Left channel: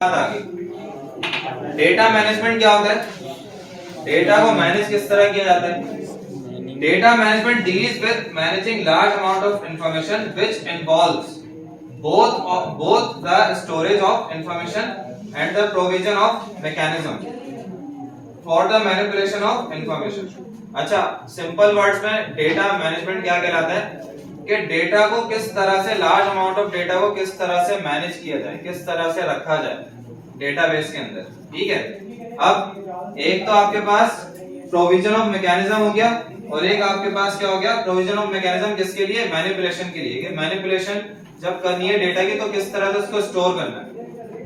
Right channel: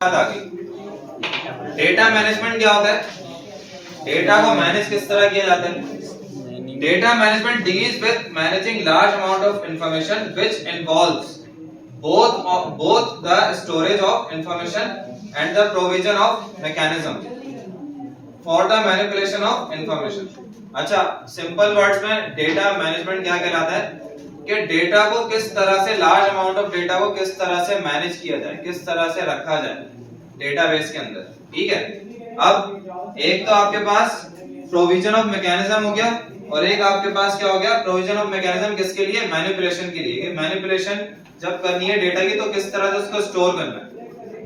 बात आ गई। Data management क्या होता है? डेटा को मैनेज किस तरह किया जाता है? Data management deals with managing large amount of information which involves both the storage of information and the provision of mechanism for the manipulation of information। अच्छा, सिंपल वर्ड्स में डेटा मैनेजमेंट क्या कहलाता है कि डेटा को किस तरह से, लार्ज अमाउंट ऑफ डेटा को किस तरह से मैनेज किया जाए, किस तरह से रखा जाए डेटाबेस के अंदर। ठीक है, अब एक तो आपके पास प्रोविजन ऑफ मैकेनिज्म हो गया और एक आपके पास क्या हो गया, प्रोविजन ऑफ मैकेनिज्म किसके लिए? मैनिपुलेशन के लिए। मैनिपुलेशन जब करनी है डेटा की तो किस तरह से उसको स्टोर करना है।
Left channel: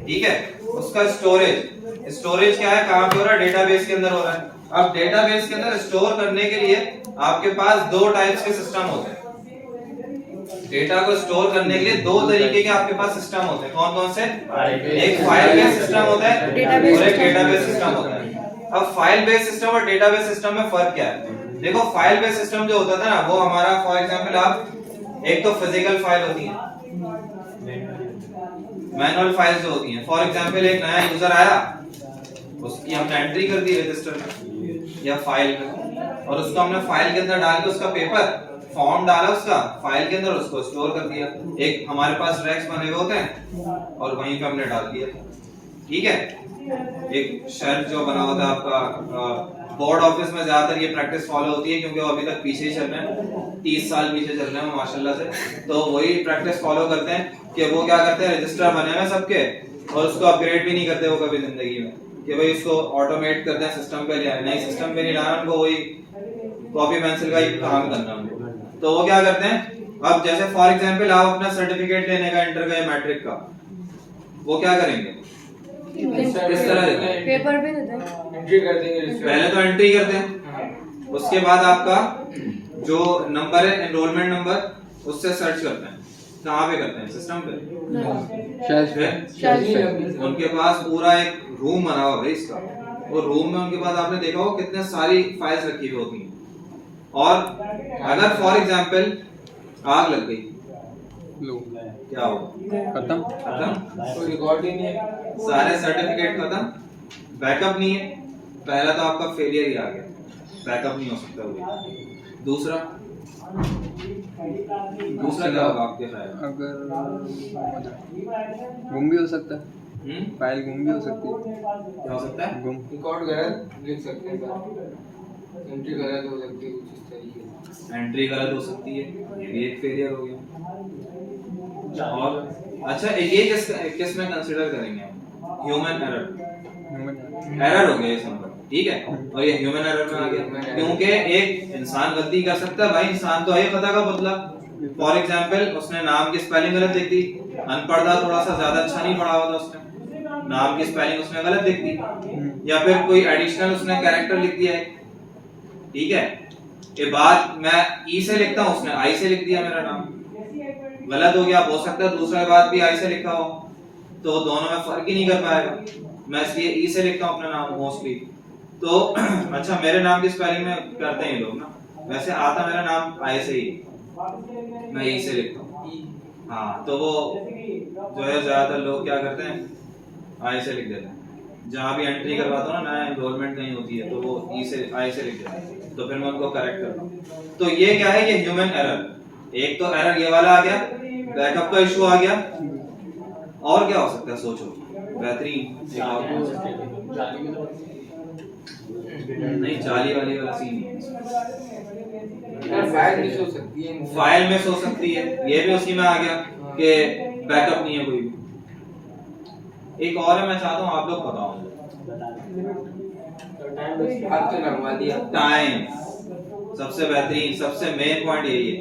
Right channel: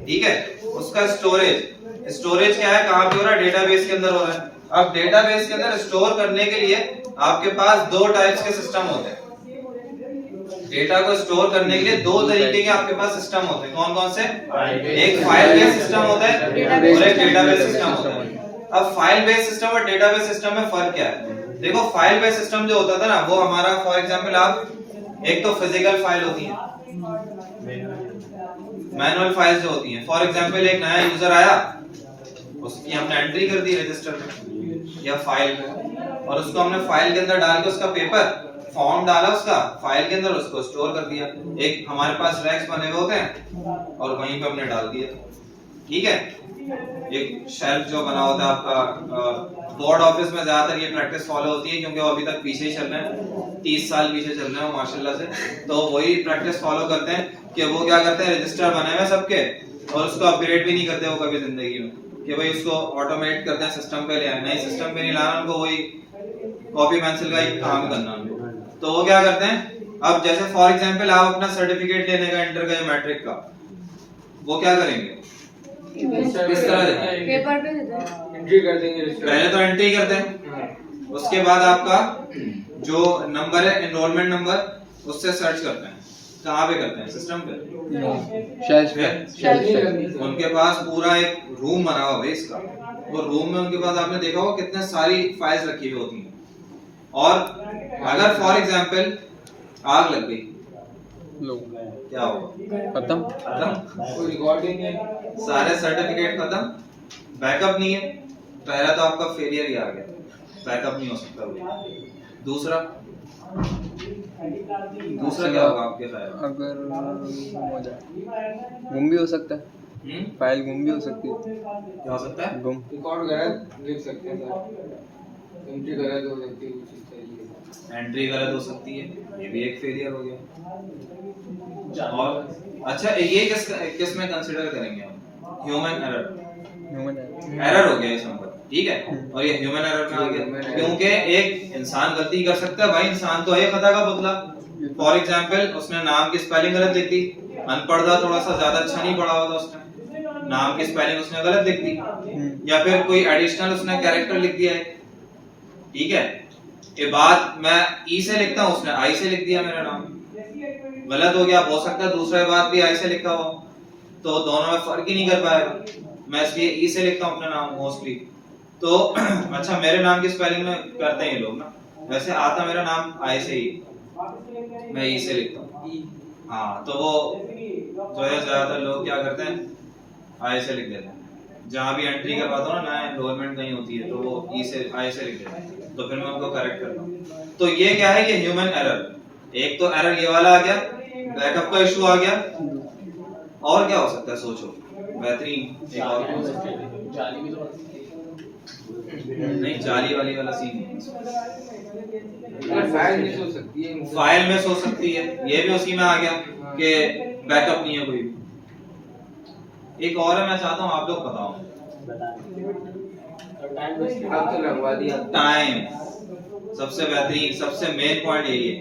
ठीक है, उसका स्टोरेज क्या है, कहां पे हो रहा है? डेटाबेस के अंदर हो रहा है। अब डेटाबेस के अंदर स्टोर करने के लिए आपके पास दो टाइप्स के सिस्टम होते हैं। डेटा को स्टोर करने के लिए दो तरीके के आपके पास सिस्टम होते हैं। कौन कौन से? एक फाइल बेस्ड सिस्टम होता है और एक डेटाबेस सिस्टम होता है। अब फाइल बेस्ड सिस्टम और डेटाबेस सिस्टम में फर्क क्या है? देखो, फाइल बेस्ड सिस्टम जो होता था ना, वो हमारा फॉर एग्जांपल आप एक तो फिजिकल फाइल होती है, मैनुअल फाइल्स जो होती हैं। फॉर एग्जांपल एक नया यूजर आया, उसकी हमने एंट्री कर दी रजिस्टर में या फाइल में, और उसको हमने फाइल के अंदर डाल के उसका पेपर फॉर्म डाला उसका फाइल के अंदर, उसको स्टोर कर दिया। एक हमारे पास रैक्स बने हुए होते हैं और वहीं पे हमने डाल दिया। ठीक है, एक शेल्फ जो बना होता है आपका। बोर्ड ऑफिस में ज्यादातर ये प्रैक्टिस फॉलो होती है क्योंकि वो अभी तक पीछे ही चल रहे हैं, 30 साल पीछे चल रहे हैं माशाल्लाह से। तो वही प्रैक्टिस फॉलो करते हैं कि वो क्या करते हैं, रजिस्टर बने हुए सबके और उसको अपग्रेड भी नहीं करते वो कभी जिंदगी में, कि भाई उसको ऑटोमेट करते हैं, सिस्टम पे ले आए। नहीं, सिस्टम पे नहीं लाना उनको, वही कॉपी पेंसिल का ही काम करना उनको। तो वो क्या करते हैं, अब जैसे फॉर एग्जांपल आप अपना सर्टिफिकेट लेने का इंटर का या मैट्रिक का, वो क्या करेंगे, किस तरह देते हैं? पेपर पे देते हैं, एंट्री कर देंगे। पहले तो एंट्री करते हैं, उसके बाद आपका जो नंबर है, एनरोलमेंट नंबर, उससे सर्च करते हैं। कहाँ पे करते हैं? सिस्टम पे, शेल्फ। उनके पास पूरा एक रूम बना हुआ है इसका। वो रूम में उनके पास आपने देखा होगा कितने सारी फाइल्स रखी हुई होती हैं। और अगर फॉर एग्जांपल आग लग गई, क्या होगा? खत्म। कोई रिकॉर्ड ही नहीं है, सारे सर्टिफिकेट खत्म, बैकअप नहीं है। पहला तो आपका फेलियर ही आ गया, बैकअप नहीं हो सकता वो। दूसरा क्या होगा आपके ख्याल? अगर गुम भी हो सकता है, फाइल गुम भी हो सकती है। क्या हो सकता है? गुम। रिकॉर्ड गलत लिख सकते हैं सर, एंट्री गलत हो सकती है कुछ इस तरीके से। एंट्री गलत हो सकती है, ये भी एक फेलियर हो गया। और अच्छा, ये किस में कंसीडर करेंगे हम? ह्यूमन एरर हो गया इस नंबर। ठीक है, और ये ह्यूमन एरर में आ गया क्योंकि एक इंसान गलती कर सकता है। भाई, इंसान तो है खता का पुतला। फॉर एग्जांपल उसने नाम की स्पेलिंग गलत लिख दी, अनपढ़ था, थोड़ा सा ज्यादा अच्छा नहीं पढ़ा होता उसने, नाम की स्पेलिंग उसने गलत लिख दी, या फिर कोई एडिशनल उसने कैरेक्टर लिख दिया है। ठीक है, ये बात मैं ई से लिखता हूँ, उसने आई से लिख दिया, मेरा नाम गलत हो गया। हो सकता है दूसरा बात भी आई से लिखा हो, तो दोनों में फर्क ही नहीं कर पाएगा। मैं इसलिए ई से लिखता हूँ अपना नाम मोस्टली। तो अच्छा, मेरे नाम की स्पेलिंग में करते हैं ये लोग ना, वैसे आता मेरा नाम आई से ही, मैं ई से लिखता हूँ। हाँ, तो वो जो है ज्यादातर लोग क्या करते हैं, आई से लिख देते हैं। जहाँ भी एंट्री करवाता हूँ ना, नया एनरोलमेंट नहीं होती है, तो वो ई से आई से लिख देते हैं, तो फिर मैं उनको करेक्ट करता हूँ। तो ये क्या है, ये ह्यूमन एरर। एक तो एरर ये वाला आ गया, बैकअप का इशू आ गया। और क्या हो सकता है, सोचो बेहतरीन। एक और नहीं, जाली वाला सीन फाइल मिस हो सकती है, फाइल मिस हो सकती है, ये भी उसी में आ गया कि बैकअप नहीं है कोई। एक और है, मैं चाहता हूँ आप लोग बताओ। हाथ तो लगवा दिया। टाइम सबसे बेहतरीन, सबसे मेन पॉइंट यही है,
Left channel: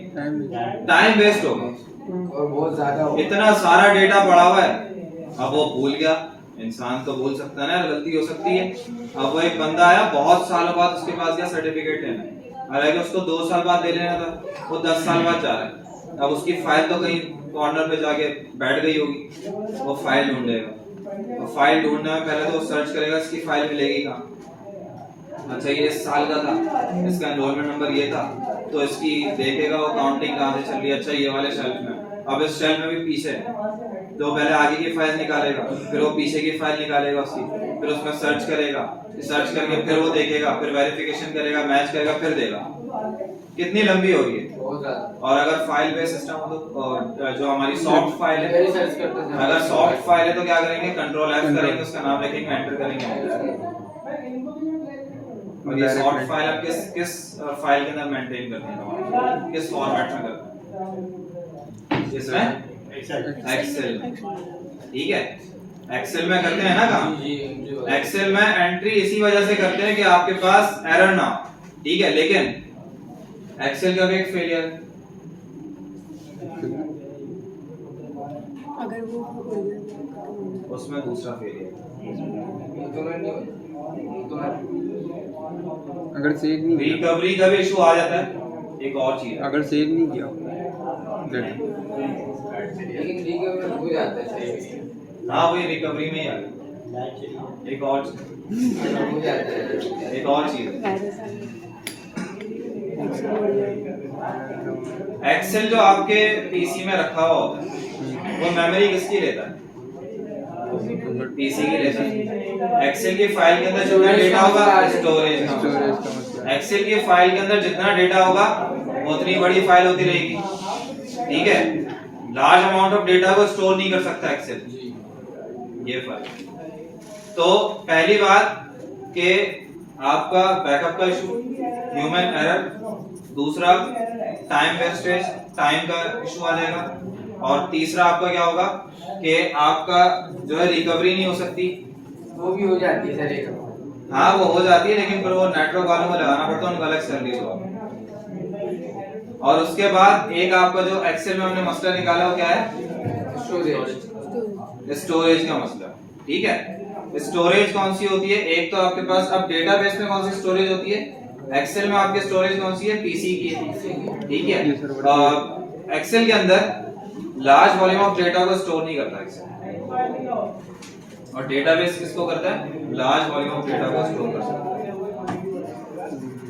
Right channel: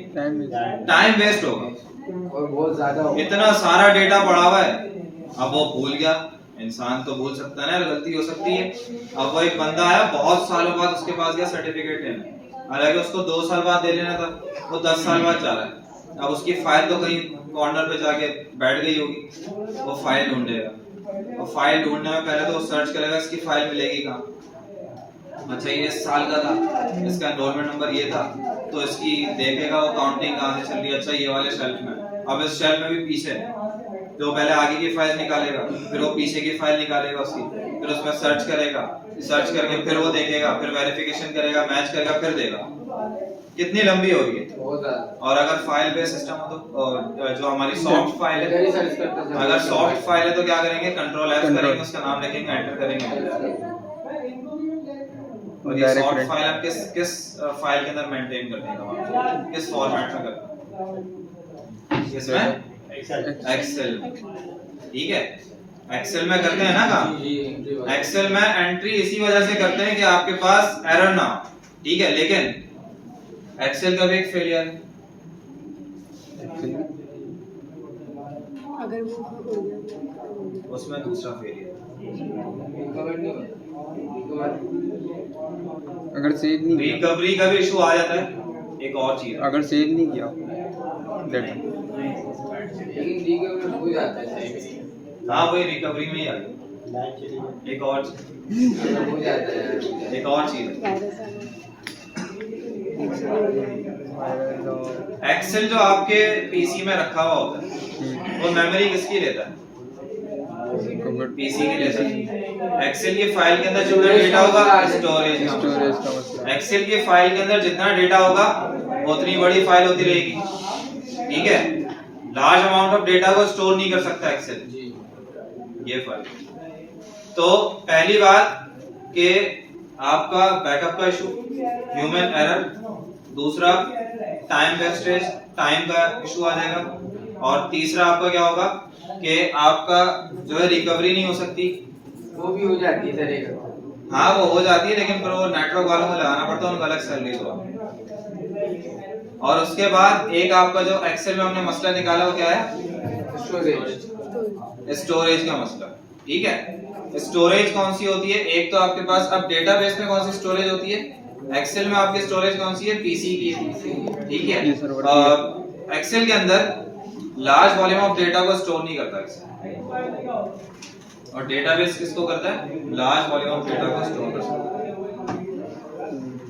टाइम वेस्ट होगा और बहुत ज्यादा होगा। इतना सारा डेटा पड़ा हुआ है, अब वो भूल गया। इंसान तो भूल सकता है ना, गलती हो सकती है। अब वो एक बंदा आया बहुत सालों बाद उसके पास गया सर्टिफिकेट लेने, हालांकि उसको 2 साल बाद दे लेना था, वो 10 साल बाद जा रहा है। अब उसकी फाइल तो कहीं कॉर्नर पे जाके बैठ गई होगी, वो फाइल ढूंढेगा। और फाइल ढूंढने में पहले तो सर्च करेगा इसकी फाइल मिलेगी कहाँ। अच्छा, ये इस साल का था, इसका एनरोलमेंट नंबर ये था, तो इसकी देखेगा वो काउंटिंग कहाँ से चल रही है। अच्छा, ये वाले शेल्फ में, अब इस शेल्फ में भी पीछे है, जो पहले आगे की फाइल निकालेगा, फिर वो पीछे की फाइल निकालेगा उसकी, फिर उसमें सर्च करेगा, सर्च करके फिर वो देखेगा, फिर वेरिफिकेशन करेगा, मैच करेगा, फिर देगा। कितनी लंबी होगी? बहुत ज्यादा। और अगर फाइल बेस्ड सिस्टम हो तो जो हमारी सॉफ्ट फाइल है, यही सर्च करता था। अगर सॉफ्ट फाइल है तो क्या करेंगे, कंट्रोल F करेंगे, उसका नाम लिखेंगे, एंटर करेंगे। और ये सॉफ्ट फाइल आप किस फाइल के अंदर मेंटेन करते हैं, किस फॉर्मेट में करते हैं? इसमें एक्सेल। ठीक है, एक्सेल में करते हैं ना काम। एक्सेल में एंट्री इसी वजह से करते हैं कि आपके पास एरर ना हो। ठीक है, लेकिन एक्सेल का भी एक फेलियर है। अगर वो हो गया उसमें दूसरा फेलियर, अगर सेव नहीं किया, रिकवरी का भी इशू आ जाता है। एक और चीज, अगर सेव नहीं किया डाटा, लेकिन रिकवर हो जाता है सही में। हाँ वही रिकवरी में ही आ गई। एक और हो जाता है। एक और चीज, वायरस आ गया एक्सेल जो आपके पीसी में रखा हुआ होता है वो मेमोरी किसकी लेता है? पीसी की लेता है। एक्सेल की फाइल के अंदर जितना डेटा होगा, स्टोरेज स्टोरेज का मसला है। एक्सेल की फाइल के अंदर जितना डेटा होगा उतनी बड़ी फाइल होती रहेगी। ठीक है, लार्ज अमाउंट ऑफ डेटा को स्टोर नहीं कर सकता एक्सेल। ये फर्क। तो पहली बात कि आपका बैकअप का इशू, ह्यूमन एरर। दूसरा टाइम वेस्टेज, टाइम का इशू आ जाएगा। और तीसरा आपका क्या होगा कि आपका जो है रिकवरी नहीं हो सकती। वो भी हो जाती है सर एक। हाँ वो हो जाती है, लेकिन फिर वो नेटवर्क वालों को लगाना पड़ता है, उनको अलग सर्विस हुआ। और उसके बाद एक आपका जो एक्सेल में हमने मसला निकाला वो क्या है? स्टोरेज। स्टोरेज का मसला। ठीक है, स्टोरेज कौन सी होती है? एक तो आपके पास अब डेटाबेस में कौन सी स्टोरेज होती है? एक्सेल में आपकी स्टोरेज कौन सी है? पीसी की है। ठीक है, एक्सेल के अंदर लार्ज वॉल्यूम ऑफ डेटा को स्टोर नहीं करता एक्सेल, और डेटाबेस किसको करता है? लार्ज वॉल्यूम ऑफ डेटा को स्टोर करता है।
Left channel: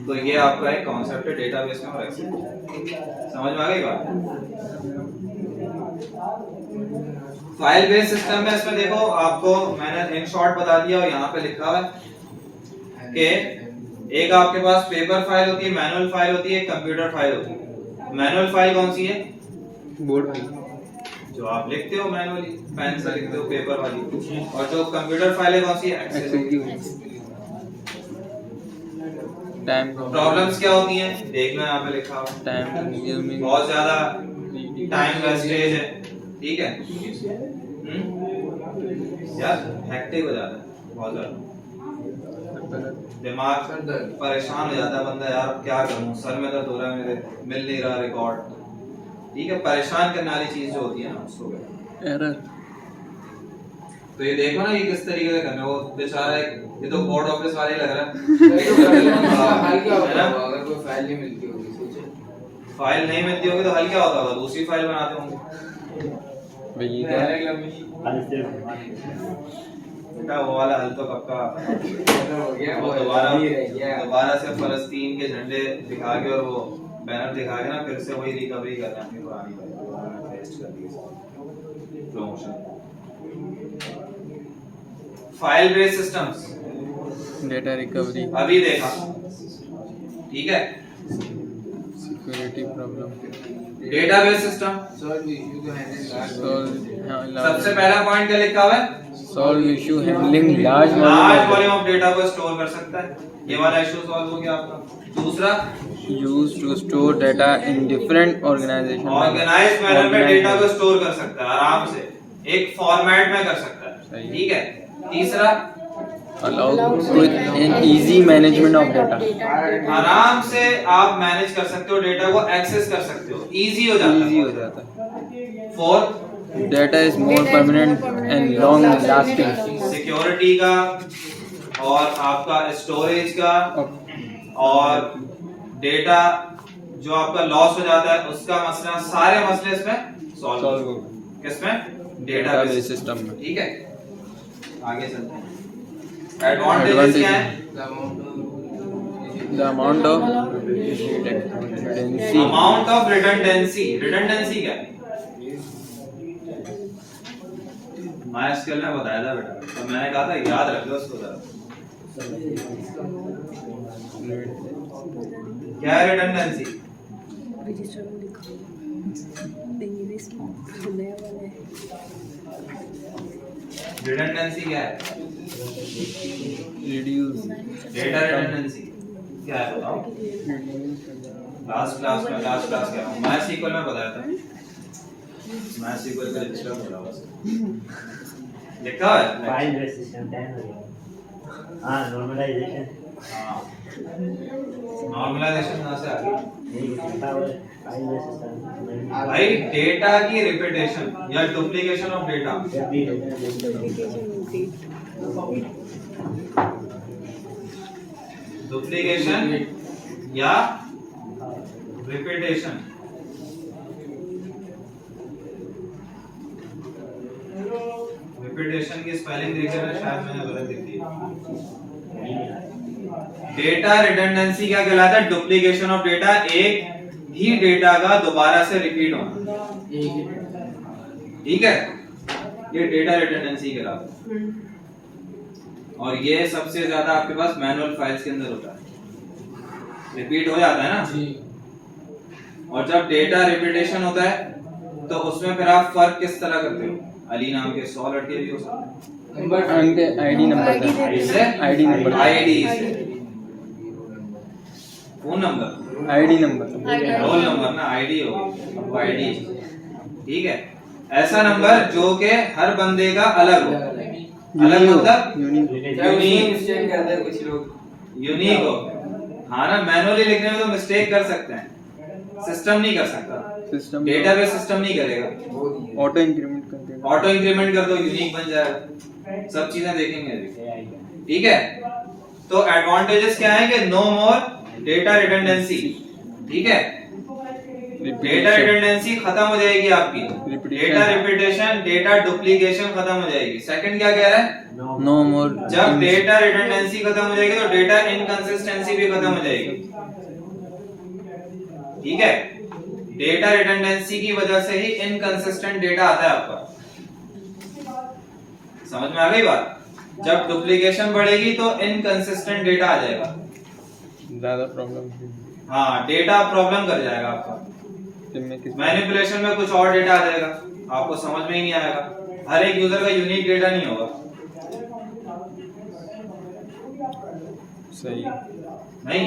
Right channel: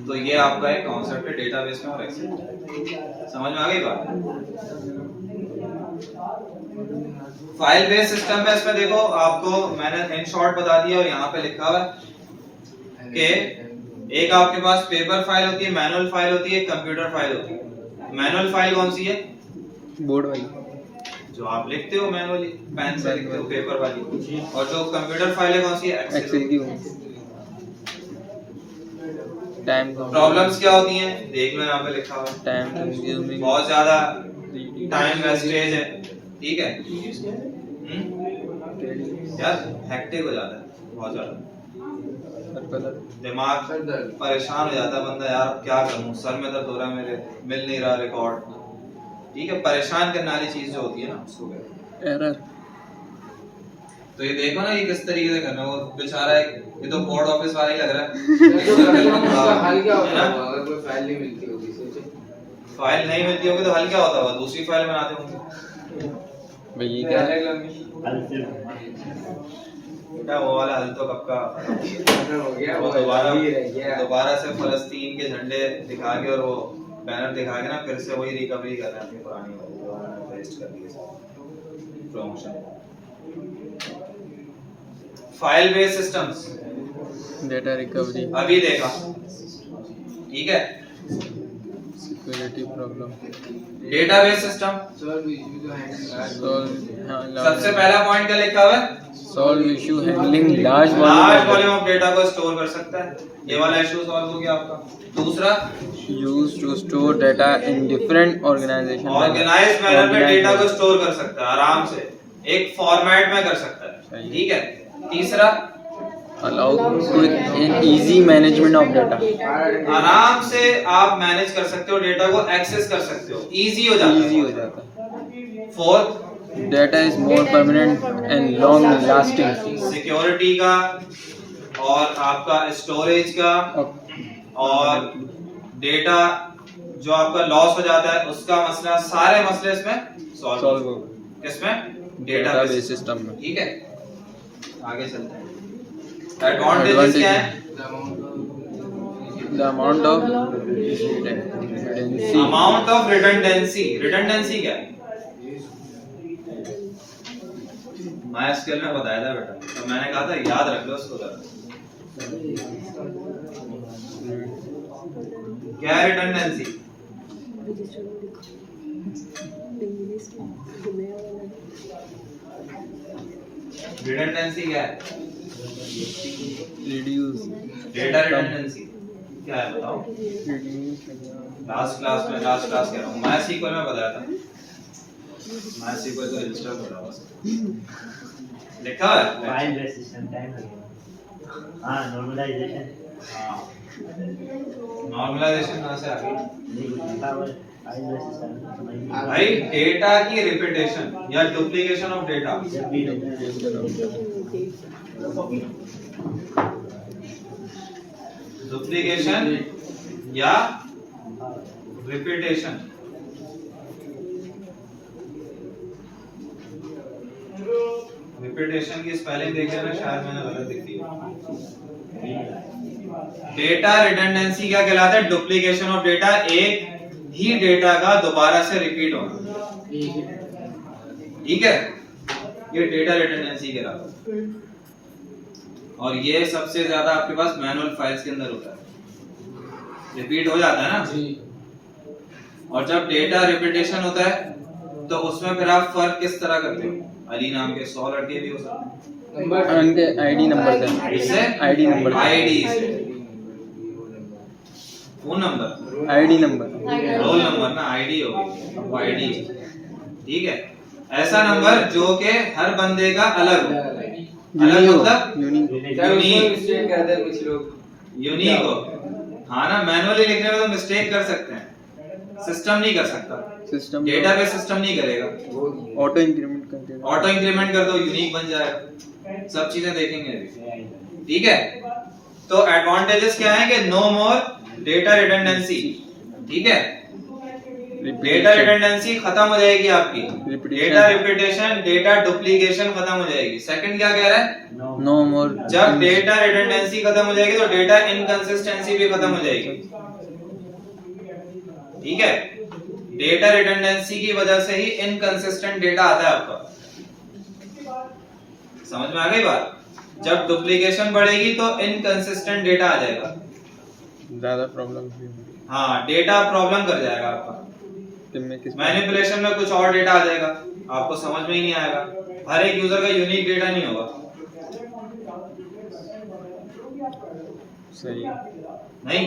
तो ये आपका एक कॉन्सेप्ट है डेटाबेस में और एक्सेल। समझ में आ गई बात? फाइल बेस्ड सिस्टम में इसमें देखो, आपको मैंने इन शॉर्ट बता दिया और यहाँ पे लिखा हुआ है कि एक आपके पास पेपर फाइल होती है, मैनुअल फाइल होती है, कंप्यूटर फाइल होती है। मैनुअल फाइल कौन सी है? बोर्ड वाली, जो आप लिखते हो मैनुअली, पेन से लिखते हो, पेपर वाली। और जो कंप्यूटर फाइल है कौन सी है? एक्सेल की होगी। टाइम प्रॉब्लम्स क्या होती हैं देख लो, यहाँ पे लिखा हुआ है। टाइम कंज्यूमिंग, बहुत ज्यादा टाइम वेस्टेज है। ठीक है, यार हेक्टिक हो जाता है बहुत ज्यादा, दिमाग परेशान हो जाता है बंदा, यार क्या करूं, सर में दर्द हो रहा है मेरे, मिल नहीं रहा रिकॉर्ड। ठीक है, परेशान करने वाली चीज जो होती है ना उसको कहते हैं एरर। तो ये देखो ना ये किस तरीके से करना है, वो बेचारा ये तो बोर्ड ऑफिस वाला ही लग रहा है। हल क्या होता होगा अगर कोई फाइल नहीं मिलती होगी? सोचो, फाइल नहीं मिलती होगी तो हल क्या होता होगा? दूसरी फाइल बनाते होंगे। भाई क्या बेटा वो वाला हल तो कब का हो गया, वो वो रह गया। दोबारा से फलस्तीन के झंडे दिखा के और वो बैनर दिखा के ना फिर से वही रिकवरी कर रहे हैं अपनी पुरानी वाली, वेस्ट कर दी promotion. File based systems data recovery, अभी देखा। ठीक है, security problem, database system. Solve issue को हैंडल सबसे पहला पॉइंट क्या लिखा हुआ है? Solve issue handling large large volume volume of data को स्टोर कर सकता है, ये वाला इशू सॉल्व हो गया आपका। दूसरा, used to store data in different organization, organized manner में डेटा को स्टोर कर सकता है आराम से, एक फॉर्मेट में कर सकता है। ठीक है, तीसरा, allow quick and easy management of data, आराम से आप मैनेज कर सकते हो, डेटा को एक्सेस कर सकते हो, इजी हो जाता इजी है। हो जाता है। Fourth, data is more permanent and long lasting, security का और आपका स्टोरेज का, और डेटा जो आपका लॉस हो जाता है उसका मसला, सारे मसले इसमें सॉल्व होगा किसमें? डेटाबेस सिस्टम में। ठीक है, आगे चलते हैं। एडवांटेजेस क्या है? The amount of redundancy, amount of redundancy. Redundancy क्या है? MySQL में बताया था बेटा, तो मैंने कहा था याद रख लो इसको जरा। क्या है रिडंडेंसी? रजिस्टर में लिखो देंगे ना इसमें जो नया वाला है। रिडंडेंसी क्या है? रिड्यूस डेटा रिडंडेंसी क्या है बताओ? लास्ट क्लास कह रहा हूँ, MySQL में बताया था। MySQL का रजिस्टर बोला हुआ लिखा है फाइल बेस्ड सिस्टम टाइम हो गया। हाँ नॉर्मलाइजेशन हाँ नॉर्मलाइजेशन कहाँ से आ गई? नहीं लिखा हुआ है फाइल बेस्ड सिस्टम भाई डेटा की रिपीटेशन या डुप्लीकेशन ऑफ डेटा। डुप्लीकेशन या रिपीटेशन। रिपीटेशन की स्पेलिंग देखिए ना, शायद मैंने गलत लिख दी है। डेटा रिडंडेंसी क्या कहलाता है? डुप्लीकेशन ऑफ डेटा, एक ही डेटा का दोबारा से रिपीट होना। ठीक है, ये डेटा रिडंडेंसी कहलाता है। और ये सबसे ज्यादा आपके पास मैनुअल फाइल्स के अंदर होता है, रिपीट हो जाता है ना। और जब डेटा रिपीटेशन होता है तो उसमें फिर आप फर्क किस तरह करते हो? अली नाम के 100 लड़के भी हो सकते हैं, उनके आईडी नंबर से इससे आईडी नंबर आईडी से phone number ID number roll number ना, आईडी होगी वो आईडी। ठीक है, ऐसा नंबर जो के हर बंदे का अलग हो। अलग मतलब यूनिक मिस्टेक करते हैं कुछ लोग। यूनिक हो। हाँ ना, मैनुअली लिखने में तो मिस्टेक कर सकते हैं, सिस्टम नहीं कर सकता, सिस्टम डेटाबेस सिस्टम नहीं करेगा। ऑटो इंक्रीमेंट कर देगा। ऑटो इंक्रीमेंट कर दो, यूनिक बन जाएगा। सब चीजें देखेंगे अभी। ठीक है, तो एडवांटेजेस क्या है कि नो मोर डेटा रिडंडेंसी। ठीक है, डेटा रिडंडेंसी खत्म हो जाएगी आपकी, डेटा रिपीटेशन, डेटा डुप्लीकेशन खत्म हो जाएगी। सेकंड क्या कह रहा है? नो मोर जब डेटा रिडंडेंसी खत्म हो जाएगी तो डेटा इनकंसिस्टेंसी भी खत्म हो जाएगी। ठीक है, डेटा रिडंडेंसी की वजह से ही इनकंसिस्टेंट डेटा आता है आपका। समझ में आ गई बात? जब डुप्लीकेशन बढ़ेगी तो इनकंसिस्टेंट डेटा आ जाएगा। ज्यादा प्रॉब्लम हाँ, डेटा प्रॉब्लम कर जाएगा आपका। मैनिपुलेशन में कुछ और डेटा आ जाएगा, आपको समझ में ही नहीं आएगा। हर एक यूजर का यूनिक डेटा नहीं होगा। सही नहीं